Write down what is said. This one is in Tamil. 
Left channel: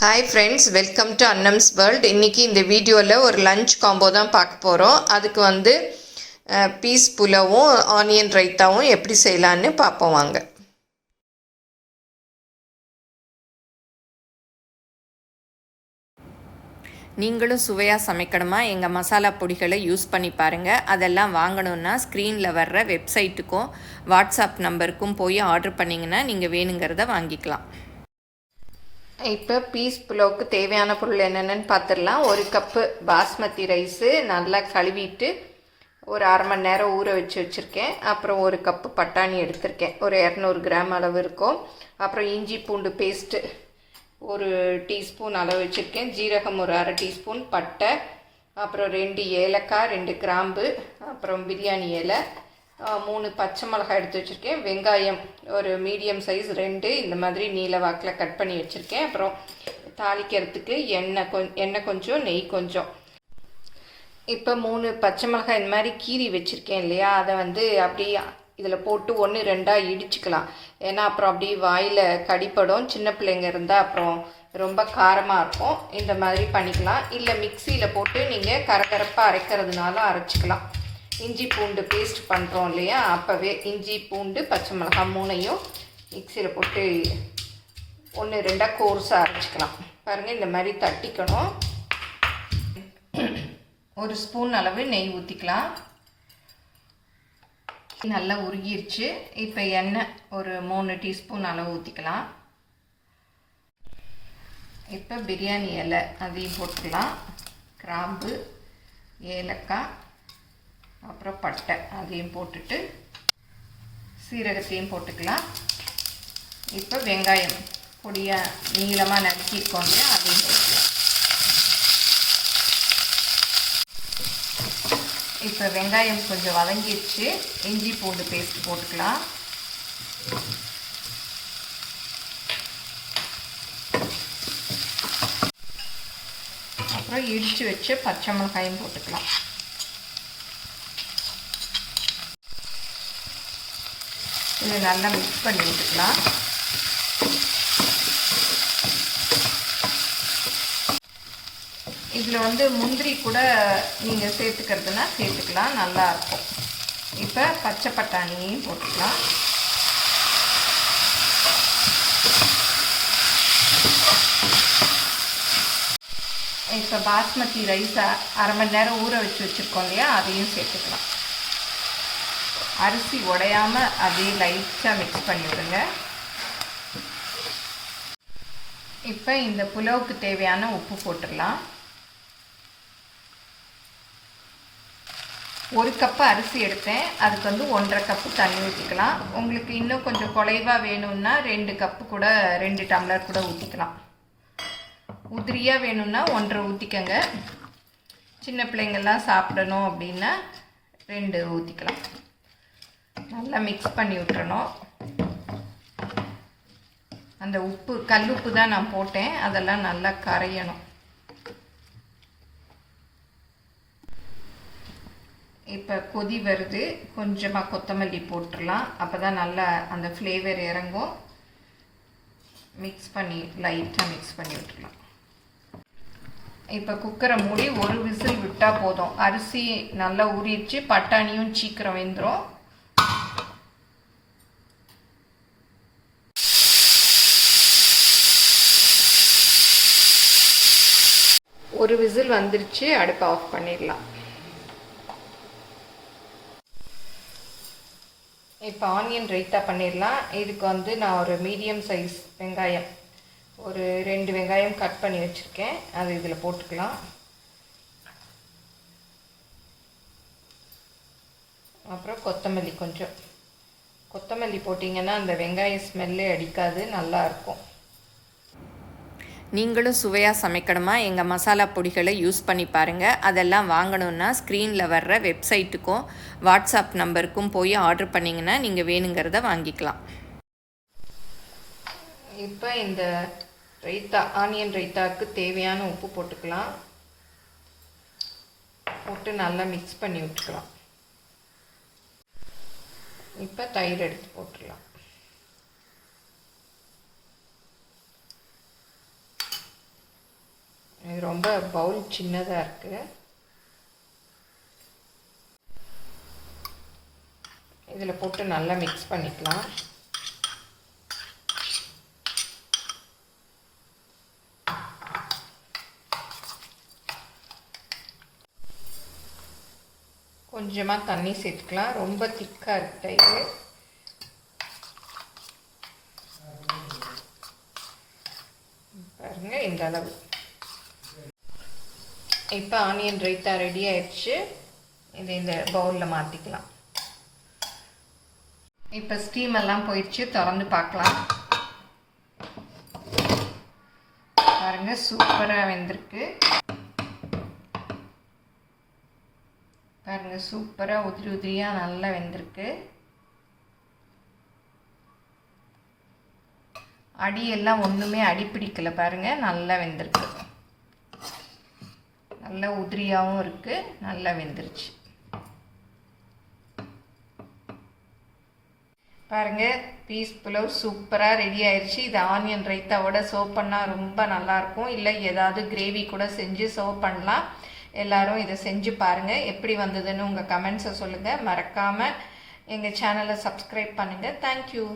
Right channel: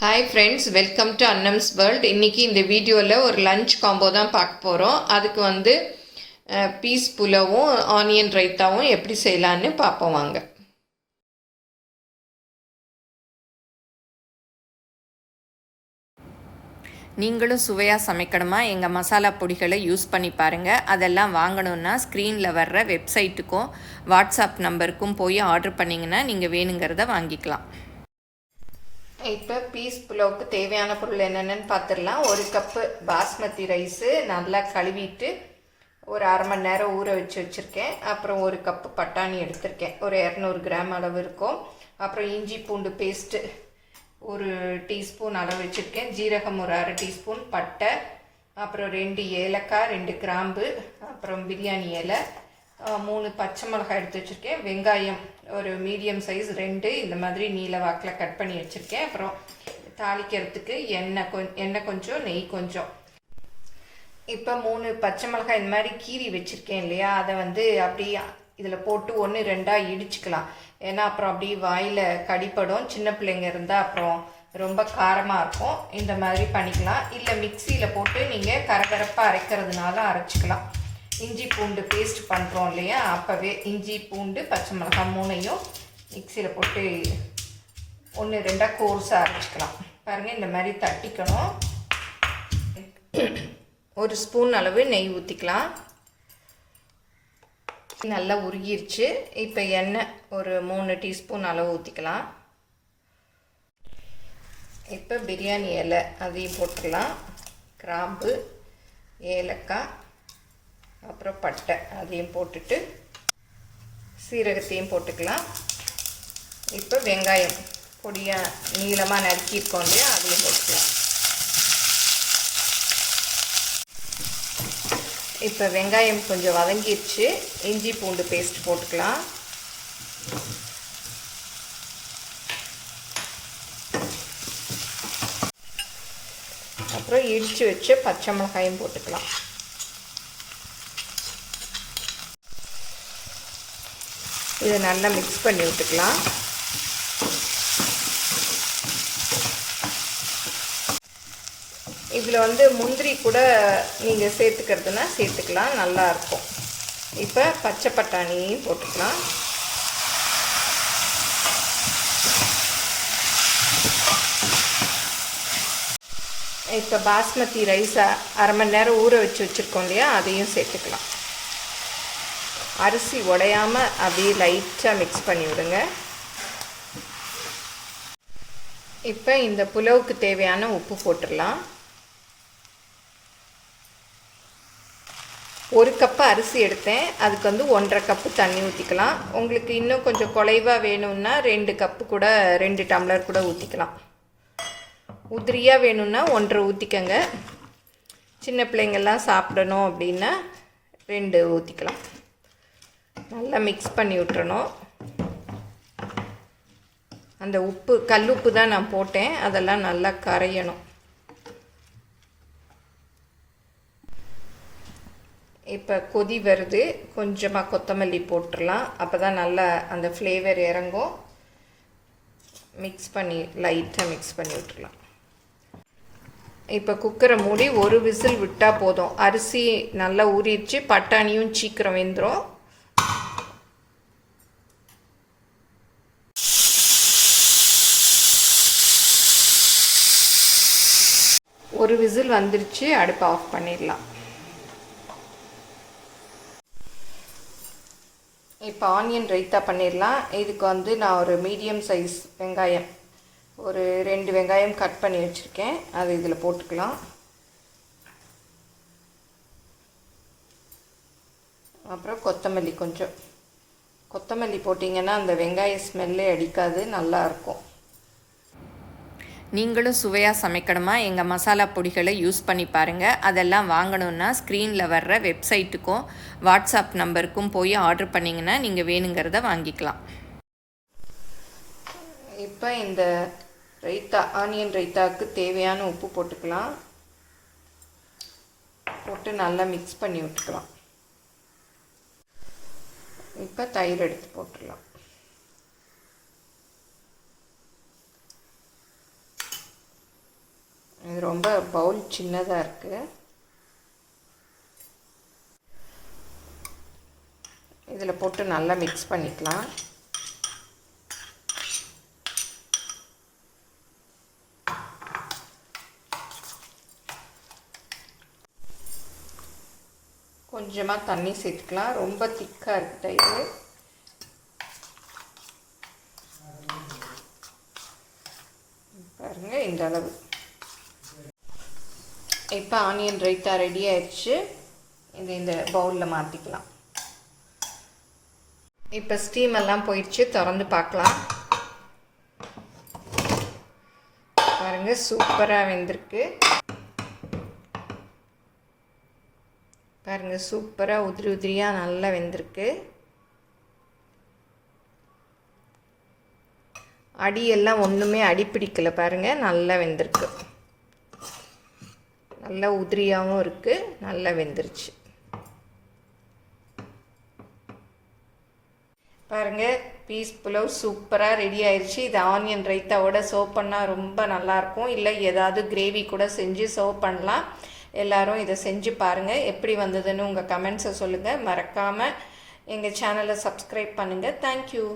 Hi friends, welcome to Annam's World. இன்னைக்கு இந்த வீடியோவில் ஒரு லஞ்ச் காம்போ தான் பார்க்க போகிறோம். அதுக்கு வந்து பீஸ் புலாவும் ஆனியன் ரைத்தாவும் எப்படி செய்யலான்னு பார்ப்போம் வாங்க. நீங்களும் சுவையாக சமைக்கணுமா எங்கள் மசாலா பொடிகளை யூஸ் பண்ணி பாருங்கள். அதெல்லாம் வாங்கணுன்னா ஸ்க்ரீனில் வர்ற வெப்சைட்டுக்கும் வாட்ஸ்அப் நம்பருக்கும் போய் ஆர்டர் பண்ணிங்கன்னா நீங்கள் வேணுங்கிறத வாங்கிக்கலாம். இப்போ பீஸ் புலாவுக்கு தேவையான பொருள் என்னென்னு பார்த்துடலாம். ஒரு கப்பு பாஸ்மதி ரைஸு நல்லா கழுவிட்டு ஒரு அரை மணி நேரம் ஊற வச்சுருக்கேன். அப்புறம் ஒரு கப்பு பட்டாணி எடுத்திருக்கேன், ஒரு 200 கிராம் அளவு இருக்கும். அப்புறம் இஞ்சி பூண்டு பேஸ்ட்டு ஒரு டீஸ்பூன் அளவு வச்சுருக்கேன். ஜீரகம் ஒரு அரை டீஸ்பூன், பட்டை, அப்புறம் 2 ஏலக்காய், 2 கிராம்பு, அப்புறம் பிரியாணி இலை, 3 பச்சை மிளகாய் எடுத்து வச்சுருக்கேன். வெங்காயம் ஒரு மீடியம் சைஸ் 2 இந்த மாதிரி நீல வாக்கில் கட் பண்ணி வச்சுருக்கேன். அப்புறம் தாளிக்கிறதுக்கு எண்ணெய் கொஞ்சம், நெய் கொஞ்சம். இப்போ 3 பச்சை மிளகாய் இந்த மாதிரி கீரி வச்சுருக்கேன் இல்லையா, அதை வந்து அப்படியே இதில் போட்டு 1-2 இடிச்சுக்கலாம். ஏன்னா அப்புறம் அப்படியே வாயில் கடிப்படும். சின்ன பிள்ளைங்க இருந்தால் அப்புறம் ரொம்ப காரமாக இருக்கும். இந்த மாதிரி பண்ணிக்கலாம். இல்லை மிக்சியில் போட்டு நீங்கள் கரகரப்பாக அரைக்கிறதுனால அரைச்சிக்கலாம். இஞ்சி பூண்டு பேஸ்ட் பண்ணுறோம் இல்லையா, அப்போவே இஞ்சி பூண்டு பச்சை மிளகாய் 3ஐயும் மிக்சியில் போட்டு 1-2 கோர்ஸாக அரைச்சிக்கலாம். பாருங்கள், இந்த மாதிரி தட்டிக்கணும். ஒரு ஸ்பூன் அளவு நெய் ஊற்றிக்கலாம். நல்லா உருகிருச்சு. இப்போ எண்ணெய் ஒரு 3 டீஸ்பூன் அளவு ஊற்றிக்கலாம். இப்போ பிரியாணி இலை அதையும் போட்டுக்கலாம். கிராம்பு, ஏலக்காய், அப்புறம் பட்டை அதையும் போட்டுட்டு சீரகத்தையும் போட்டுக்கலாம். இப்போ வெங்காயம் பொடியாக நீளமாக நறுக்கியிருக்கோம் இல்லையா, அதையும் போட்டுக்கலாம். இப்போ வெங்காயம் கொஞ்சம் வதங்கிடுச்சு. இஞ்சி பூண்டு பேஸ்ட் போட்டுக்கலாம். அப்புறம் இடித்து வச்சு பச்சை மிளகாயும் போட்டுக்கலாம். இதை நல்லா மிக்ஸ் பண்ணி விட்டுக்கலாம். இதில் வந்து முந்திரி கூட நீங்கள் சேர்த்துக்கிறதுனா சேர்த்துக்கலாம், நல்லாயிருக்கும். இப்போ பச்சை பட்டாணியும் போட்டுக்கலாம். இப்போ பாஸ்மதி ரைஸை அரை மணி நேரம் ஊற வச்சுருக்கோம் இல்லையா, அதையும் சேர்த்துக்கலாம். அரிசி உடையாமல் அப்படியே லைட்டாக மிக்ஸ் பண்ணி விடுங்க. இப்போ இந்த புலாவுக்கு தேவையான உப்பு போட்டுடலாம். 1 கப்பு அரிசி எடுத்தேன், அதுக்கு வந்து 1.5 கப்பு தண்ணி ஊற்றிக்கலாம். உங்களுக்கு இன்னும் கொஞ்சம் குலைவாக வேணும்னா 2 கப்பு கூட 2 டம்ளர் கூட ஊற்றிக்கலாம். உதிரியாக வேணும்னா 1.5 ஊற்றிக்கங்க. சின்ன பிள்ளைங்கள்லாம் சாப்பிடணும் அப்படின்னா 2 ஊற்றிக்கலாம். நல்லா மிக்ஸ் பண்ணி விட்டுறணும். அந்த உப்பு கல்லுப்பு தான் நான் போட்டேன், அதெல்லாம் நல்லா கரையணும். இப்போ கொதி வருது, கொஞ்சமாக கொத்தமல்லி போட்டுடலாம். அப்போ தான் நல்லா அந்த ஃப்ளேவர் இறங்கும். மிக்ஸ் பண்ணி லைட்டாக மிக்ஸ் பண்ணி விட்டுடலாம். இப்போ குக்கரை மூடி ஒரு விசில் விட்டால் போதும். அரிசி நல்லா ஊறிடுச்சு, பட்டாணியும் சீக்கிரம் வெந்துடும். ஒரு விசில் வந்துருச்சு, அடுப்பை ஆஃப் பண்ணிடலாம். இப்போ ஆனியன் ரைத்தா பண்ணிடலாம். இதுக்கு வந்து நான் ஒரு மீடியம் சைஸ் வெங்காயம் ஒரு 2 வெங்காயம் கட் பண்ணி வச்சுருக்கேன், அது இதில் போட்டுக்கலாம். அப்புறம் கொத்தமல்லி கொஞ்சம். கொத்தமல்லி போட்டிங்கன்னா அந்த வெங்காய ஸ்மெல்லே அடிக்காது, நல்லாயிருக்கும். நீங்களும் சுவையாக சமைக்கணுமா எங்கள் மசாலா பொடிகளை யூஸ் பண்ணி பாருங்கள். அதெல்லாம் வாங்கணுன்னா ஸ்க்ரீனில் வர்ற வெப்சைட்டுக்கும் வாட்ஸ்அப் நம்பருக்கும் போய் ஆர்டர் பண்ணிங்கன்னா நீங்கள் வேணுங்கிறத வாங்கிக்கலாம். இப்போ இந்த ரைத்தா ஆனியன் ரைத்தாவுக்கு தேவையான உப்பு போட்டுக்கலாம். போட்டு நல்லா மிக்ஸ் பண்ணி விட்டுக்கலாம். இப்போ தயிர் எடுத்து போட்டுடலாம். இது ரொம்ப பவுல் சின்னதாக இருக்குது. இதில் போட்டு நல்லா மிக்ஸ் பண்ணிக்கலாம். கொஞ்சமாக தண்ணி சேர்த்துக்கலாம். ரொம்ப திக்காக இருக்குது இது. பாருங்கள் இந்த அளவு. இப்போ ஆனியன் ரைத்தா ரெடி ஆயிடுச்சு. இது இந்த பவுலில் மாற்றிக்கலாம். இப்போ ஸ்டீம் எல்லாம் போயிடுச்சு. திறந்து பார்க்கலாம். பாருங்கள் சூப்பராக வெந்திருக்கு. பாருங்கள் சூப்பராக உதிரி உதிரியாக நல்லா வெந்திருக்கு. அடியெல்லாம் ஒன்றுமே அடிப்பிடிக்கலை. பாருங்கள் நல்லா வெந்திருக்கு. நல்லா உதிரியாகவும் இருக்குது. நல்லா வெந்துருச்சு. பாருங்கள் பீஸ் புலாவ் சூப்பராக ரெடி ஆயிடுச்சு. இது ஆனியன் ரைத்தாவோட சர்வ் பண்ணால் ரொம்ப நல்லாயிருக்கும். இல்லை ஏதாவது கிரேவி கூட செஞ்சு சர்வ் பண்ணலாம். எல்லோரும் இதை செஞ்சு பாருங்கள். எப்படி வந்ததுன்னு உங்கள் கமெண்ட்ஸை சொல்லுங்கள். மறக்காமல் எங்கள் சேனலை சப்ஸ்கிரைப் பண்ணுங்கள். தேங்க்யூ.